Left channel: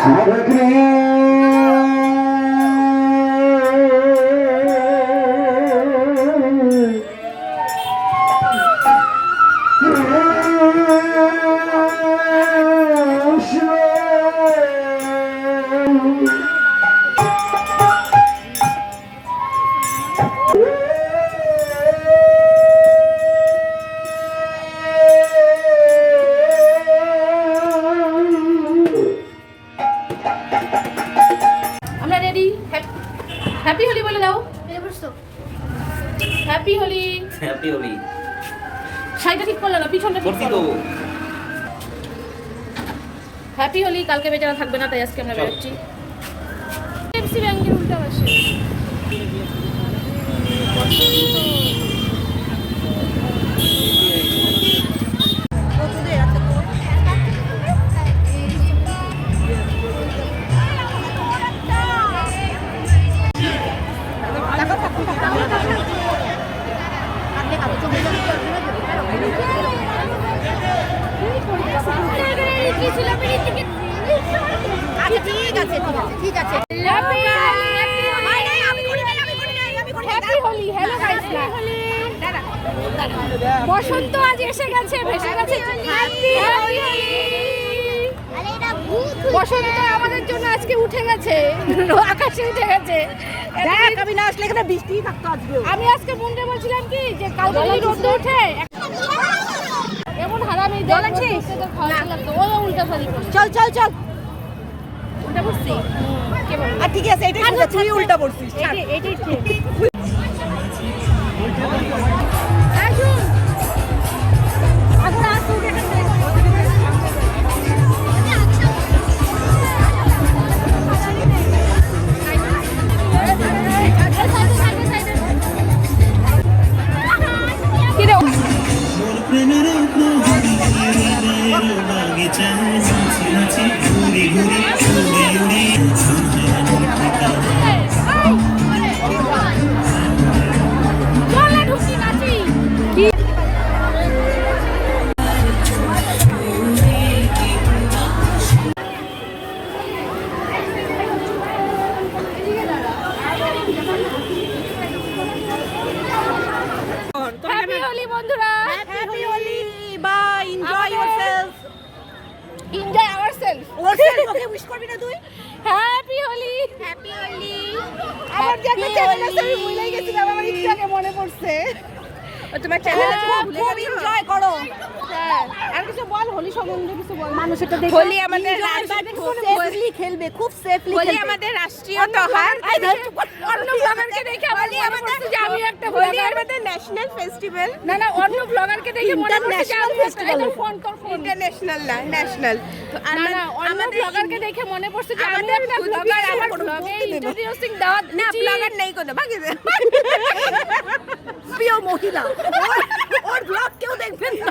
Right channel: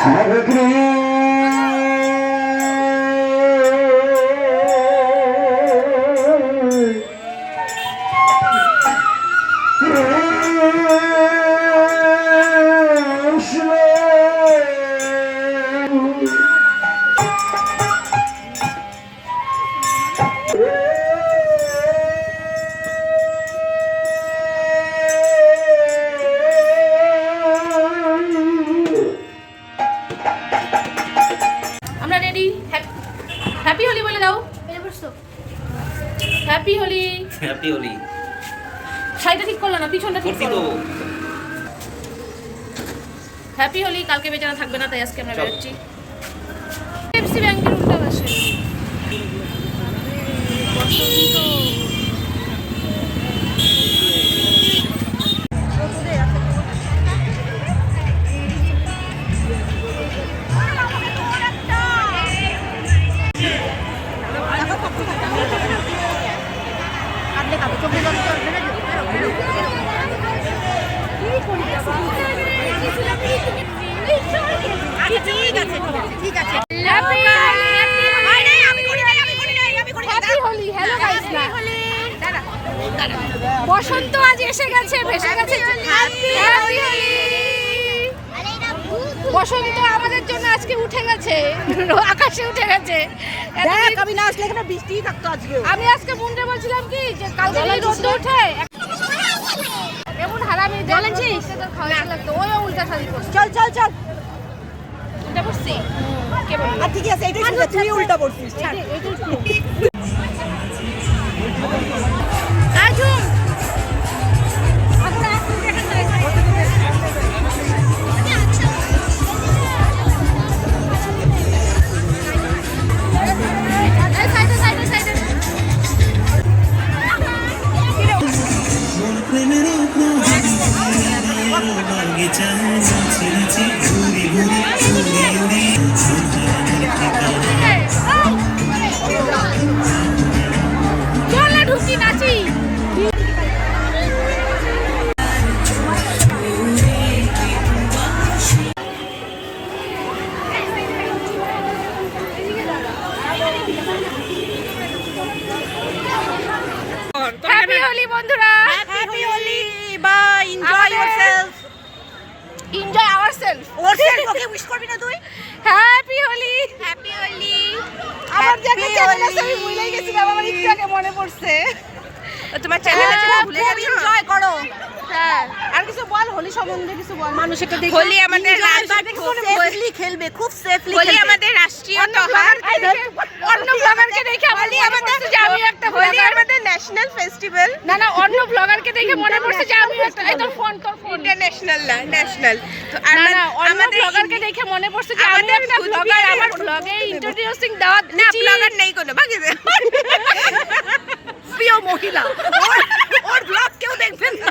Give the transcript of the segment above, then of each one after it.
Hare Krishna পিছনটা ঠিক করো হ্যাপি হলি কালকে বেচারা থাকবে না তাই আজকে আমরা। বেরোচ্ছি। এফসি ব্যাংকের উল্টা পাশে। হ্যাপি বসন্ত আজ এসে গেছে ভেসে গেছে। বসন্ত আমাদের জন্য আজকে উঠে গেছে। আকাশে উঠে গেছে। আমি না আসলে এখানে বৃষ্টি থাকতো আজকে। আমি আজকে মুন্ডে বলছিলাম কি যে কালকে রোদ উঠে এমন হারামি তোর খাওয়া লাগতো ওই উল্টা শাড়ি চল চল চল। উল্টা বলল? আর ঠিক আছে এটা শুনে তুই উল্টা পড়ছিস ছাড়। আজুম अपने मेरे अपना बगीचा है ওকে উইশ করবি না তুই? হ্যাপি হোলি হ্যাপি হোলি আমার যে একটা চ্যানেল আছে আমি ভুলে গেছিলাম আমার একটু আগে মনে পড়ছে। তোমার চ্যানেল আছে হ্যাঁ, ভুলে খুব এনজয় করো। কিছু বল হোলি সম্বন্ধে কিছু বল। মানুষ এটা দেখে হোলি আমাদের সেফলি খেলবে খুব সেফলি হোলি আমাদের রাষ্ট্রীয় দেখে অন্য ব্লগারকে দেখে আমার মনে পড়ছে যে আমি একটা ব্লগার আমাদের ন্যাশনাল ফেস্টিভ্যাল না না অন্য ব্লগারকে দেখে মনে পড়ছে যে আমি একটা তোর ফোন তোর ফোন ইন্টারন্যাশনাল না ন্যাশনাল তো আমরা- আমাদের ব্লগারকে দেখে মনে পড়ছে যে আমি একটা ব্লগার আমার ব্লগে ইন্ট্রোডিউসিং দাওয়াত না ব্লগার নেই কোনো বাকি প্রিয় মহিলা ওর ব্লগ কেউ দেখবেন না।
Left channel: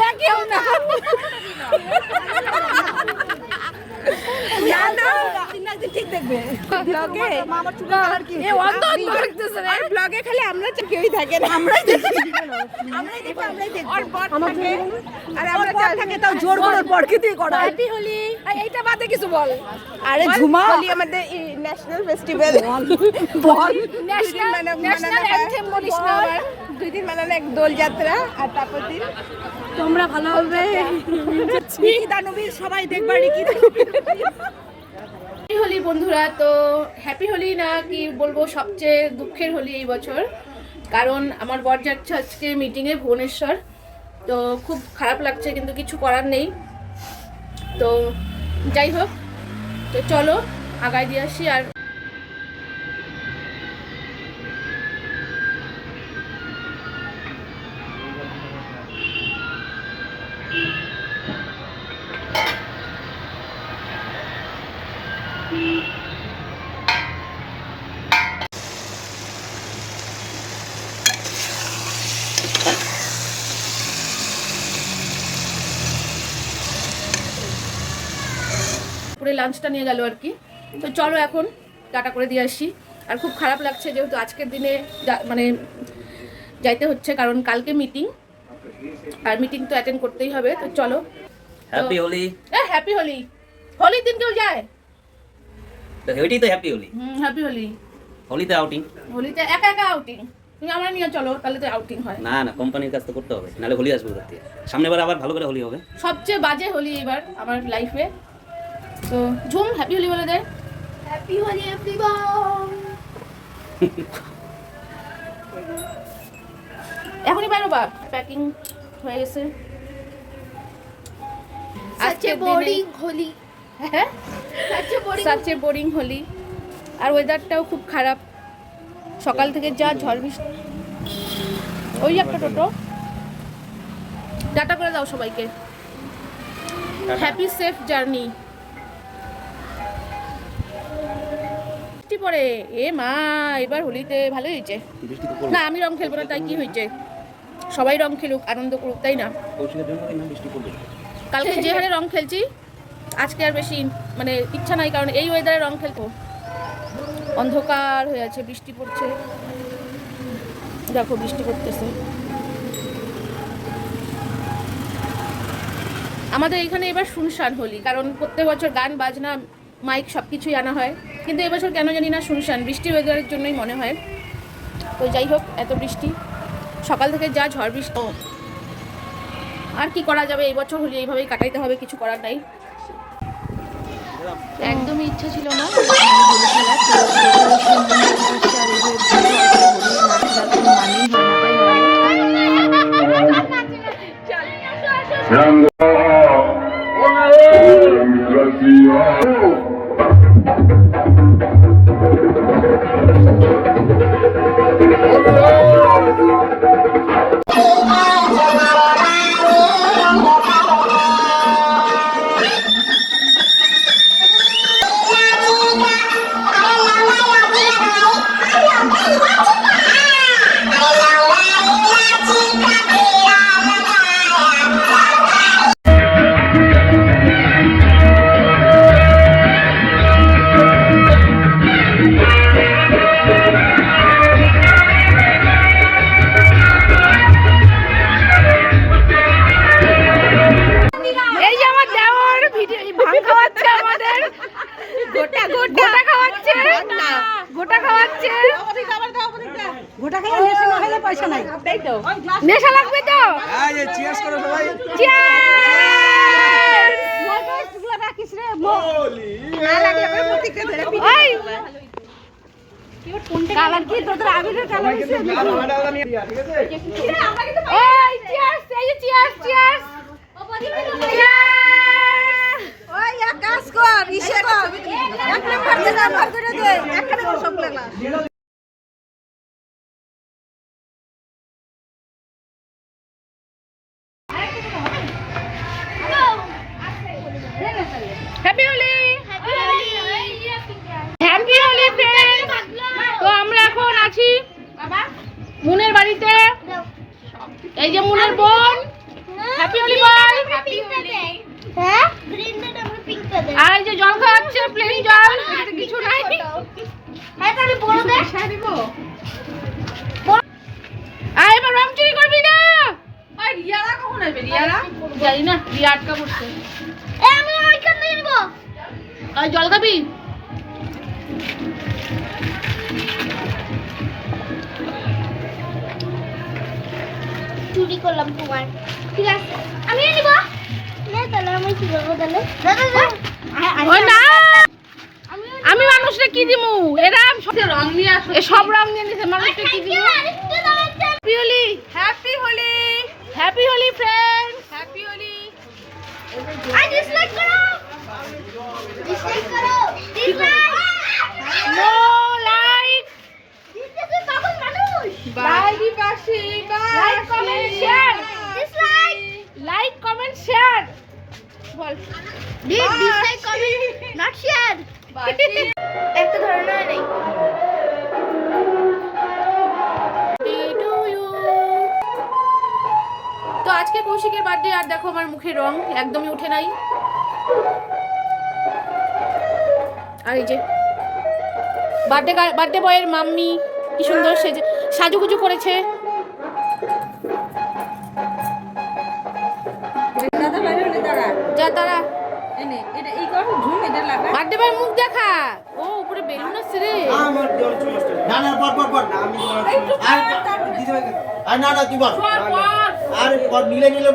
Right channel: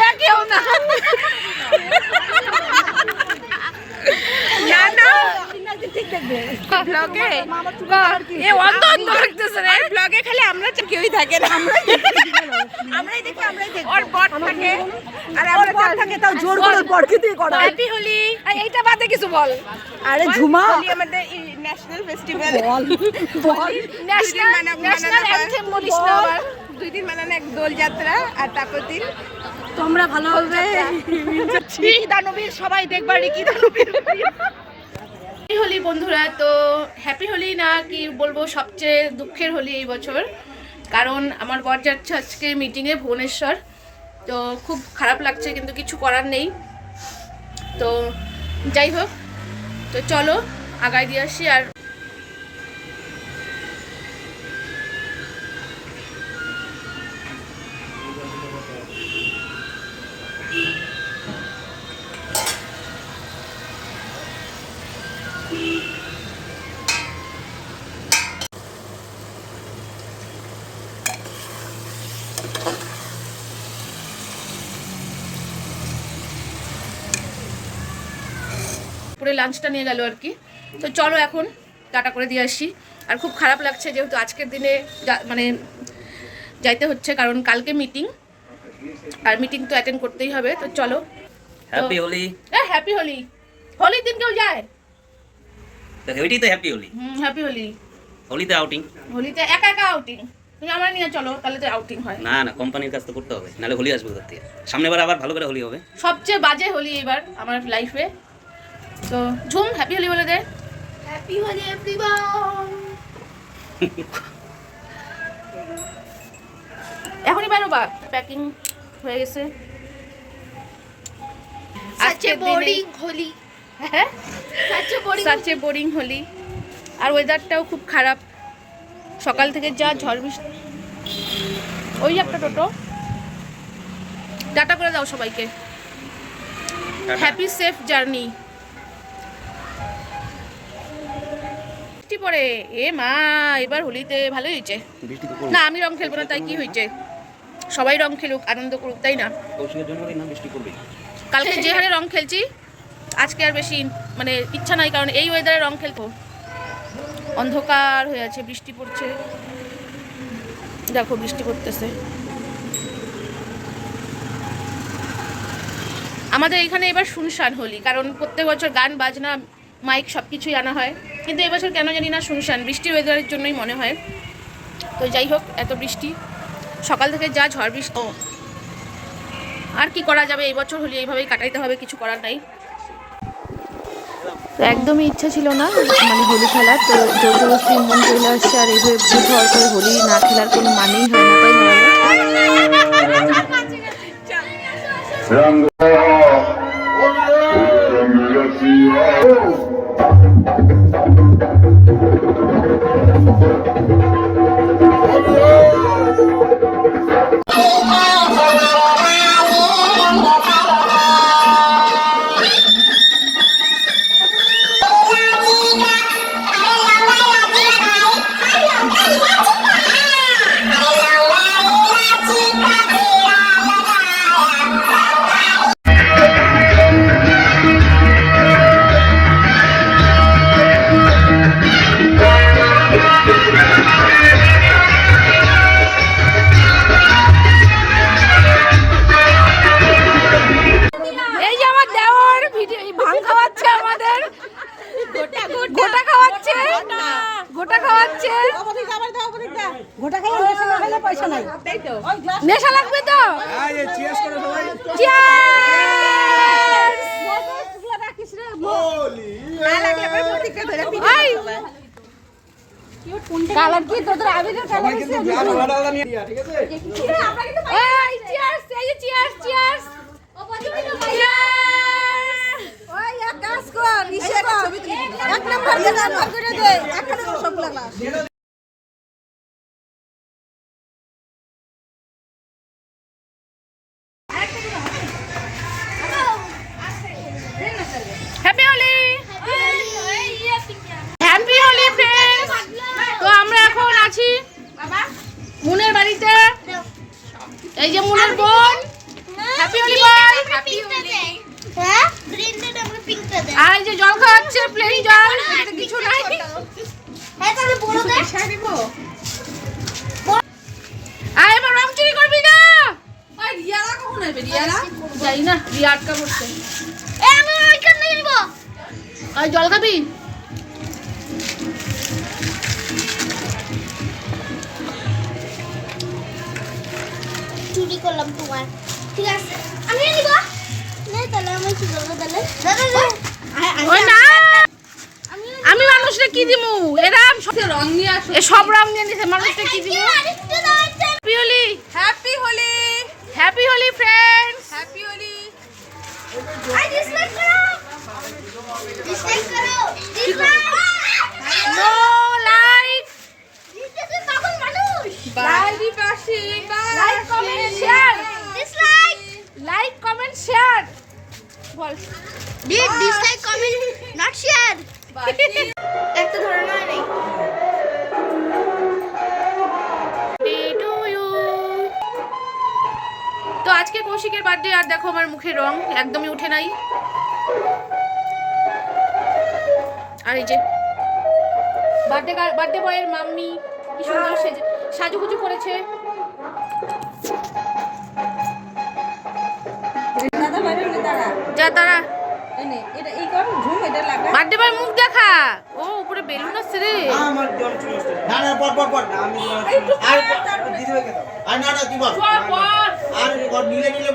দেখেও না। এইটা বাদে কিছু বল। আরে ঝুমা। আমাদের ন্যাশনাল ফেস্টিভ্যাল। বল। ন্যাশনাল ন্যাশনাল মানে- বলিস না আবার। দুই দিন মানানো এক দোল যাত্রা আর তারপর দিন তোমরা ভালো হবে। দানবীর সবাই দেখবা কি দানবীর হ্যাপি হোলি বন্ধুরা তো হ্যাপি হোলি না কি বলব সবচেয়ে দুঃখের হোলি এই বছর। কারণ আমার বর যাচ্ছে আজকে মিটিংয়ে ভুবনেশ্বর। তো খুব খারাপ লাগছে কিন্তু কিছু করার নেই। তো যাই হোক তো চলো আগায় দিয়ে আসি আর পুরো লাঞ্চটা নিয়ে গেল আর কি। তো চলো এখন টাটা করে দিয়ে আসি। আর খুব খারাপ লাগছে যেহেতু আজকের দিনে মানে যাইতে হচ্ছে কারণ কালকে মিটিং আর মিটিং তো অ্যাটেন্ড করতেই হবে। তো চলো। হ্যাপি হোলি এ হ্যাপি হোলি হোলির দিন কেউ যায়? তো ওইটাই তো হ্যাপি হোলি হুম হ্যাপি হোলি হোলিতে আউটিং হোলিতে একা একা আউটিং তুমি আমার নিয়ে চলো তাহলে তো আউটিং হয়। না না কোম্পানির কাজ তো করতে হবে নাহলে হোলি আসবে থেকে? সামনে বার আবার ভালো করে হোলি হবে। সবচেয়ে বাজে হোলি এবার আমার লাইফে তো ঝুম হ্যাপি হোলি বলে দেয় হ্যাপি হোলি এভরিওয়ান এখনই বাইরো বা প্যাকিং হয়ে গেছে। আজকে বোরিং হোলি হ্যাঁ? সাচে বোরিং হোলি আর ওয়েদারটাও খুব খারাপ। সকাল থেকে যা ঝড় বৃষ্টি ওই একটা টোটো। ডাটা করে দাও সবাইকে। হ্যাপি সেফ জার্নি পড়ে? এ মা, এবার হোলিতে ভালোই হয়েছে। না, আমি রং খেলব না, তাই কি হয়েছে? সবাই রং খেলুক, আনন্দ করুক, তাই না? কালকে যে হারে রং খেলছি, আজকে আর বেশি মানে ইচ্ছা নাই, কারণ এই ওয়েদারে রং খেলতো অন্ধকার হয়ে আছে, বৃষ্টি পড়ছে। দেখো, বৃষ্টি পড়তেছে। আমাদের এখানে এবার শুনশান হোলি, কারণ প্রত্যেক বছর গান, বাজনা, মাইক সব কিছুই আনা হয়। কিন্তু এবছর কেন জানি না শুনশান। বৃষ্টির ওয়েদারের জন্যই মনে হয়। তো যাই হোক এত বৃষ্টি। সকাল থেকে যা ঝড় বৃষ্টি। ও, আর কি করা যাবে? এই বছর হোলি এইভাবেই কাটাইতে হবে কিছু করার নাই। তো একদমই ইচ্ছা ছিল না মানে হোলি খেলার। তো মন্দির আসছে আর এইভাবে ভর করে হোলি না খেলার কোনো মানেই হয় না কালার কি তোদের আবিরের কালার আছে? ওই চিয়ার্স এই চিয়ার্স চিয়ার্স ওই কাজ কর ইসে কর। এক নম্বর এক নম্বর দে। একখানে সব লাগলা প্লেন জল এটাতে কিছু নাই। হ্যাঁ তাহলে বড়দের আর এবার রং চুরি করবি না? জানি না রিয়া আটকা করছে। এ আমি ওইখান নিয়ে নিব। আর জল খাবি? চুরি করলাম তোমার ঠিক আছে আমি নিব। নে তাহলে আমি কি করব তাহলে? না! আমি মানুষকে কি দিমু? এরাম সব রং নিয়ে আসো। সব রং নিয়ে নিছে মানুষকে কি দিমু? আরেকটু happy Holi happy Holi happy Holi friends happy Holi আর ডিসলাইক করো! ডিসলাইক করো! ডিসলাইক নো লাইক দিতে পাগল মানুষ! লাইক বাসি like comment share dislike like comment share একটা নেই। তো আজকে কৌশিকের বার্থডে আর দেখো আমার মুখে রং একদমই উঠে নাই। আর এই যে বার্থডে বার্থডে বয়ের মাম্মি কি সুন্দর সেজে সাজুগুজু করেছে। বার্থডে বয় মুখ দেখা। ও উপরে বেলুন আসছে রে। না না পর পর পর। আর দিতে হবে আর না না তুই বল আর পর নিলে নিলে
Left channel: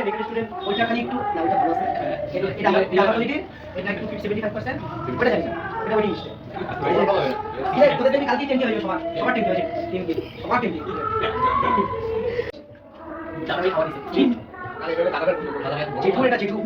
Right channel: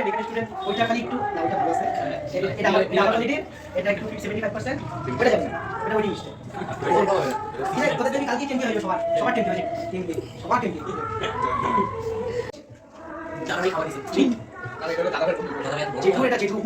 স্টুডেন্ট এখানে স্টুডেন্ট ওইটা খালি একটু না ওইটা বসে এটা এটা আমার এটা আমার দিকে এটা একটু 75% ওটা যাবে ওটা ওই জিনিসটা। ঠিক আছে তোদের আমি কালকে টেন্টি হয়ে সবার সবার টেন্টি হয়ে টেন্টি সবার টেন্টি দাদা খাওয়া দিছে জেঠু এটা জেঠু